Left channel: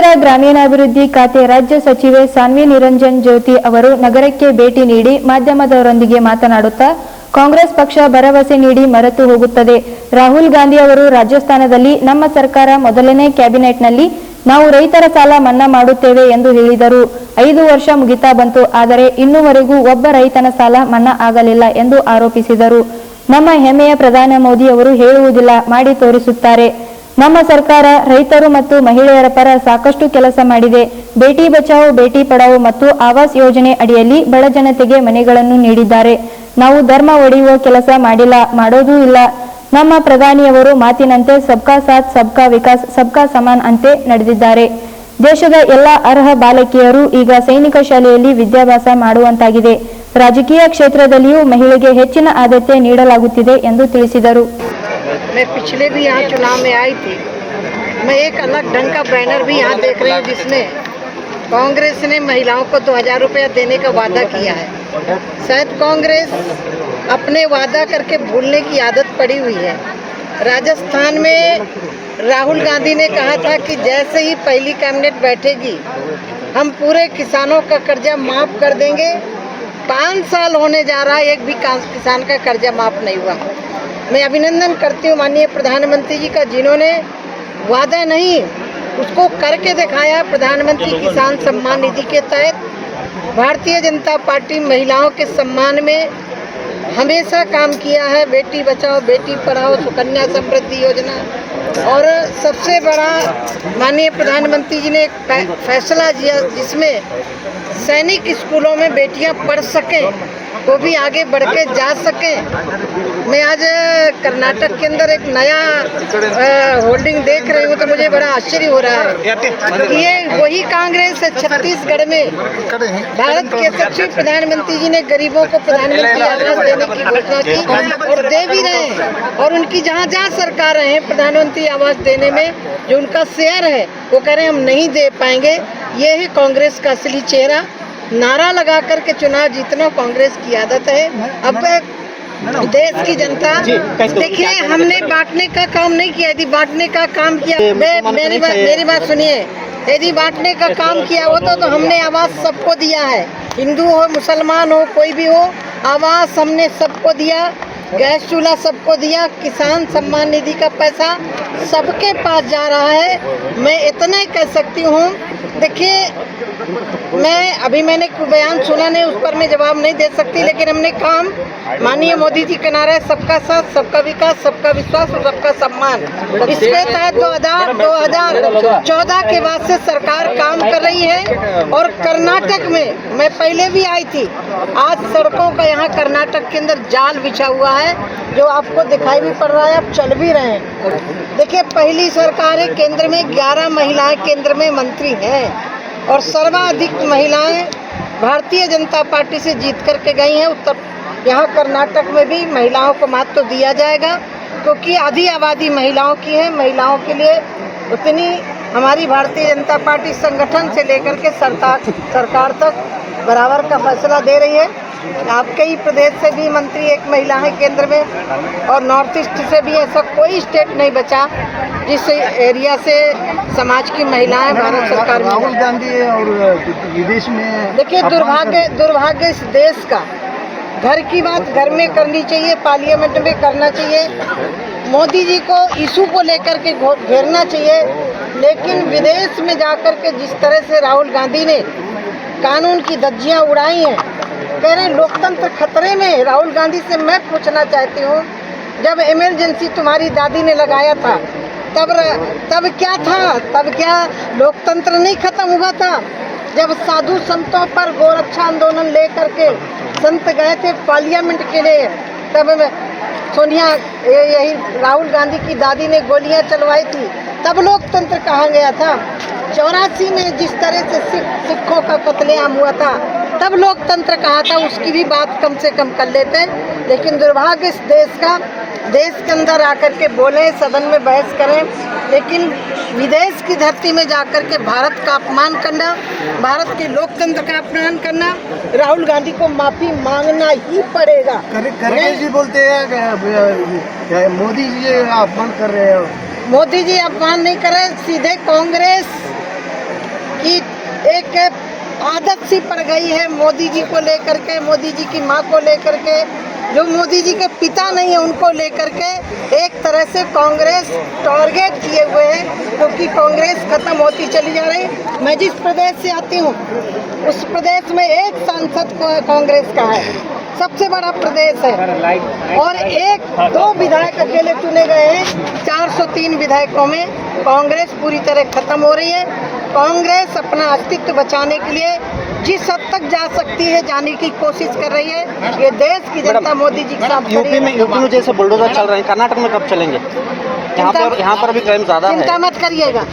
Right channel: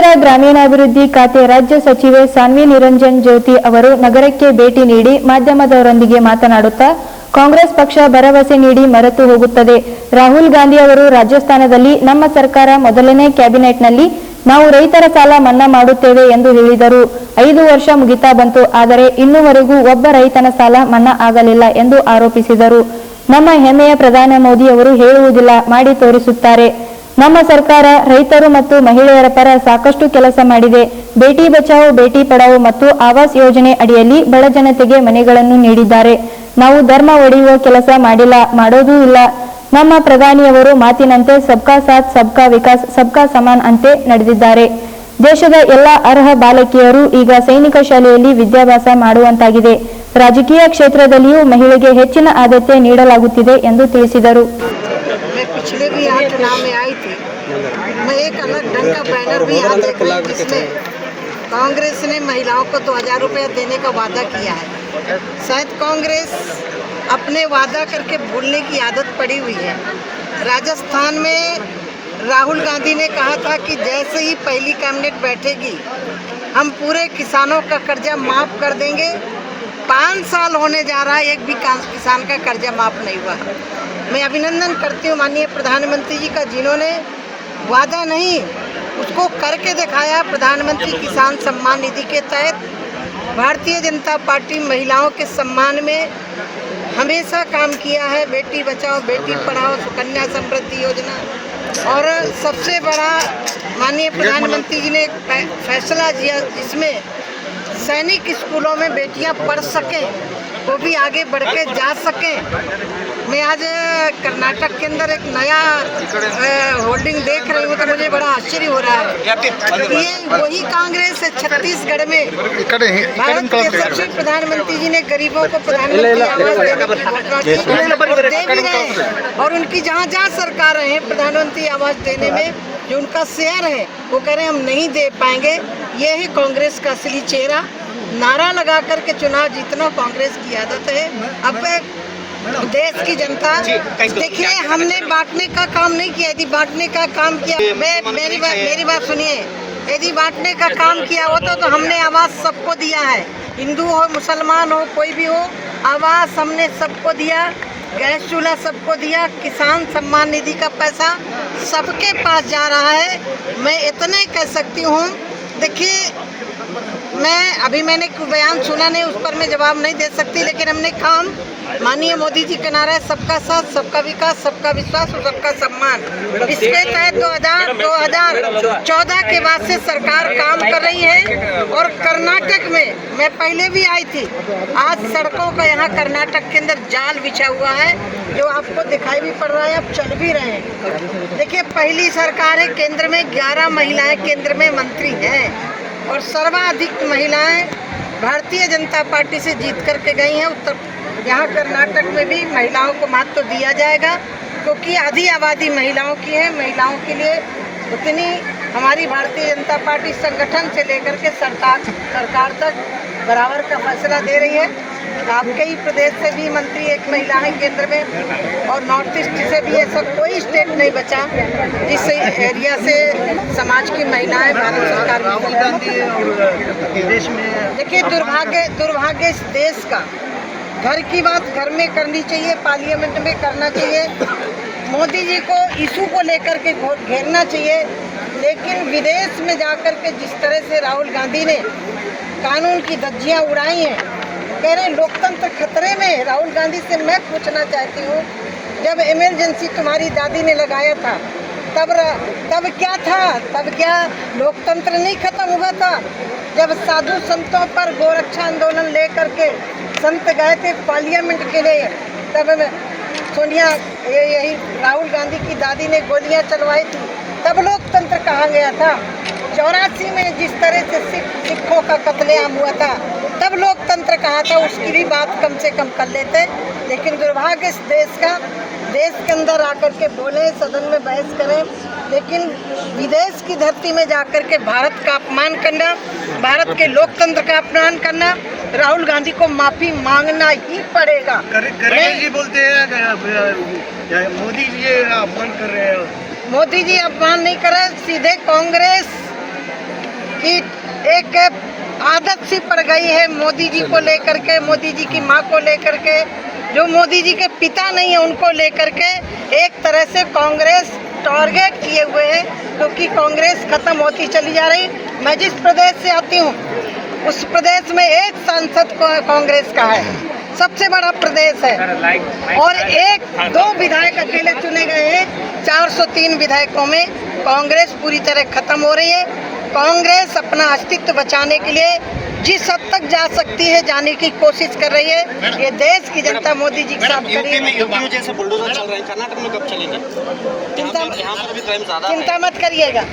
ಕೇಂದ್ರ ಗ್ರಾಮೀಣಾಭಿವೃದ್ಧಿ ಖಾತೆ ರಾಜ್ಯ ಸಚಿವೆ ಸಾನ್ವಿ ನಿರಂಜನ್ ಜ್ಯೋತಿ ಅವರು ನಗರಕ್ಕೆ ಭೇಟಿ ನೀಡಿ ಮಾಧ್ಯಮದವರೊಂದಿಗೆ ಮಾತನಾಡುತ್ತಾ ಕಾಂಗ್ರೆಸ್ ಪಕ್ಷ ಭರವಸೆ ನೀಡಿ ಮರೆತು ಹೋಗುತ್ತದೆ. ರಾಹುಲ್ ಗಾಂಧಿ ಅವರು ರಾಜಸ್ಥಾನದಲ್ಲಿ ನಮ್ಮ ಸರ್ಕಾರ ಮೊದಲನೇ ಕ್ಯಾಬಿನೆಟ್ನಲ್ಲಿ ನಾವು ರೈತರ ಸಾಲ ಮನ್ನಾ ಮಾಡುತ್ತೇವೆ ಎಂದು ಹೇಳಿದರು. 5 ವರ್ಷ ಮುಗಿತಾ ಬಂತು, ಆದರೆ ಇನ್ನೂವರೆಗೂ ಒಬ್ಬ ರೈತನ ಸಾಲ ಮನ್ನಾ ಆಗಲಿಲ್ಲ ಎಂದು ಆರೋಪಿಸಿದರು. ನಮ್ಮ ಹೆಮ್ಮೆಯ ಪ್ರಧಾನಿ ಮೋದಿ ಅವರು ಹೇಳುವುದಿಲ್ಲ, ಮಾಡಿ ತೋರಿಸುತ್ತಾರೆ. ನಮ್ಮ ಸರ್ಕಾರ ರೈತರು ಮತ್ತು ಮಹಿಳೆಯರ ಪರ ಸಾಕಷ್ಟು ಕೆಲಸ ಮಾಡಿದೆ. ಬೇಟಿ ಬಚಾವೋ ಬೇಟಿ ಪಢಾವೋ ಮತ್ತು ಆವಾಸ್ ಯೋಜನೆ ಅಡಿಯಲ್ಲಿ ಬಡ ಜನತೆಗೆ ಮನೆಗಳನ್ನು ನೀಡಿದ್ದಾರೆ. ನಾವು ಧರ್ಮ ಒಡೆಯುವ ಕೆಲಸ ಮಾಡಿಲ್ಲ, ಮಾಡೋದೂ ಇಲ್ಲ. ನಮ್ಮ ಪ್ರಧಾನಿಯವರು ಮಾತಿನಂತೆ ಸಬ್ಕಾ ಸಾಥ್ ಸಬ್ಕಾ ವಿಕಾಸ್ ಸಬ್ಕಾ ಸಮಾನ್ ಅಂತೆ ನಡೆದಿದ್ದಾರೆ. ದೇಶದ ಎಲ್ಲ ಅರ್ಹ ಬಾಲಕಿಯರು ಈಗ ಸೈನಿಕ ಶಾಲೆಯಲ್ಲಿ ವಿದ್ಯಾಭ್ಯಾಸ ಮಾಡುವಂತಾಗಿದೆ. ರಾಜಕೀಯ ಕ್ಷೇತ್ರದಲ್ಲಿಯೂ ಮಹಿಳೆಗೆ ಹೆಚ್ಚಿನ ಆದ್ಯತೆ ನೀಡಲಾಗುತ್ತಿದೆ ಎಂದು ತಿಳಿಸಿದರು. मैं पिछले भी यहाँ चुनाव में आई थी। मैं एक अलग ढंग का बैनर भी यहाँ देख रही हूँ जिसमें कांग्रेस ने महिलाओं को 2000 रुपया देने का वादा किया है। शायद कांग्रेस अपने वादा करके भूलने की आदत पड़ी हुई है। राजस्थान में राहुल गांधी ने कहा था कि जैसे ही पहली कैबिनेट बैठेगी हम पूरे किसानों का कर्जा माफ़ कर देंगे। 5 साल होने जा रहा है, एक भी किसान का कर्जा माफ़ नहीं हुआ। मैं अभिनंदन करती हूँ माननीय प्रधानमंत्री जी का, जिन्होंने वादा नहीं उसको करके दिखाया। प्रधानमंत्री किसान सम्मान निधि के तहत भारतीय जनता पार्टी महिलाओं के सम्मान में हमेशा काम किया है। बेटी बचाओ बेटी पढ़ाओ सुकन्या समृद्धि योजना, और सबसे बड़ा माननीय प्रधानमंत्री जी ने एक फैसला किया जिसमें सैनिक स्कूलों में बेटियां पढ़ सकें, वो भी आगे बढ़ के जा सकें। मैं आज कर्नाटक के अंदर एक नया होल्डिंग देख रही हूँ तो मुझे बड़ा आश्चर्य हो रहा है। ये वही कांग्रेस है छत्तीसगढ़ में भारत के यशस्वी प्रधानमंत्री जी ने गरीबों को प्रधानमंत्री आवास देने की घोषणा की और दे भी रहे हैं। और उनकी जहाँ जहाँ सरकारें हैं प्रधानमंत्री आवास देने में जो उनका शेयर है वो कह रहे हैं हम नहीं दे पाएंगे। ये है कांग्रेस का असली चेहरा। नारा लगा करके चुनाव जीतना कांग्रेस की आदत है। अब देश की जनता देखिए, हमने बांटने का काम नहीं किया। यदि बांटने का काम किया, मेरी बात सुनिए, यदि बांटने का काम किया होता तो हमने आवास सबको दिया है। हिंदू हो मुसलमान हो कोई भी हो, आवास हमने सबको दिया। गैस चूल्हा सबको दिया। किसान सम्मान निधि का पैसा सबके पास जा रहा है। मैं इतना ही कह सकती हूँ, देखिए मैंने बयान सुना नहीं, उस पर मैं जवाब नहीं दे सकती, लेकिन हमने काम माननीय मोदी जी के नारे सबका साथ सबका विकास सबका विश्वास और सबका सम्मान, इसके तहत 2014 के बाद से सरकार काम कर रही है। और कर्नाटक में मैं पहले भी आई थी, आज सड़कों का यहाँ कर्नाटक के अंदर जाल बिछा हुआ है जो आपको दिखाई भी पड़ रहा है, आप चल भी रहे हैं। देखिए पहली सरकार है, केंद्र में 11 महिलाएं केंद्र में मंत्री हैं और सर्वाधिक महिलाएं भारतीय जनता पार्टी से जीत करके गई हैं। यहाँ कर्नाटक में भी महिलाओं को महत्व दिया जाएगा क्योंकि आधी आबादी महिलाओं की है। महिलाओं के लिए उतनी हमारी भारतीय जनता पार्टी संगठन से लेकर के सरकार तक बराबर का फैसला दे रही है। आपके ही प्रदेश से भी मंत्री एक महिला है केंद्र में, और नॉर्थ ईस्ट से भी ऐसा कोई स्टेट नहीं बचा जिस एरिया से समाज की महिलाएं भारत सरकार में। राहुल गांधी और विदेश में देखिए दुर्भाग्य इस देश का, घर की बात घर में करनी चाहिए, पार्लियामेंट में करना चाहिए। मोदी जी को इशू को लेकर के घेरना चाहिए, लेकिन विदेश में जाकर के जिस तरह से राहुल गांधी ने कानून की धज्जियां उड़ाई हैं, कह रहे लोकतंत्र खतरे में। राहुल गांधी से मैं पूछना चाहती हूँ, जब इमरजेंसी तुम्हारी दादी ने लगाया था तब क्या था? तब क्या लोकतंत्र नहीं खत्म हुआ था? जब साधु संतों पर गोरक्षा आंदोलन लेकर के संत गए थे पार्लियामेंट के लिए, तब सोनिया यही राहुल गांधी की दादी ने गोलियां चलवाई थी, तब लोकतंत्र कहाँ गया था? 84 में जिस तरह से सिखों का कत्लेआम हुआ था तब लोकतंत्र कहाँ था? उसकी भी बात कम से कम कर लेते। लेकिन दुर्भाग्य इस देश के अंदर आकर के बोले, सदन में बहस करें, लेकिन विदेश की धरती में जाकर के भारत का अपमान करना, भारत के लोकतंत्र का अपमान करना, राहुल गांधी को माफी मांगना ही पड़ेगा। जी बोलते हैं मोदी जी अपमान कर रहे हैं। मोदी जी अपमान नहीं कर रहे, सीधे कांग्रेस कि एक आदत सी पड़ गई है मोदी जी को लेकर के, मोदी जी की माँ को लेकर के, जो मोदी जी के पिता नहीं है उनको लेकर के एक तरह से कांग्रेस टारगेट किए हुए है, क्योंकि कांग्रेस खत्म होती चली जा रही। मैं जिस प्रदेश से आती हूँ उस प्रदेश में एक सांसद कांग्रेस का है, सबसे बड़ा प्रदेश है, और एक दो विधायक अकेले चुने गए हैं। 403 विधायकों में कांग्रेस पूरी तरह खत्म हो रही है। कांग्रेस अपना अस्तित्व बचाने के लिए जिस हद तक जा सकती है जाने की कोशिश कर रही है। ये देश की जनता मोदी जी के साथ यूपी में जैसे बुलडोजर चल रहे हैं, कर्नाटक में कब चलेंगे? यहाँ पर भी क्राइम ज्यादा है। चिंता मत करिएगा।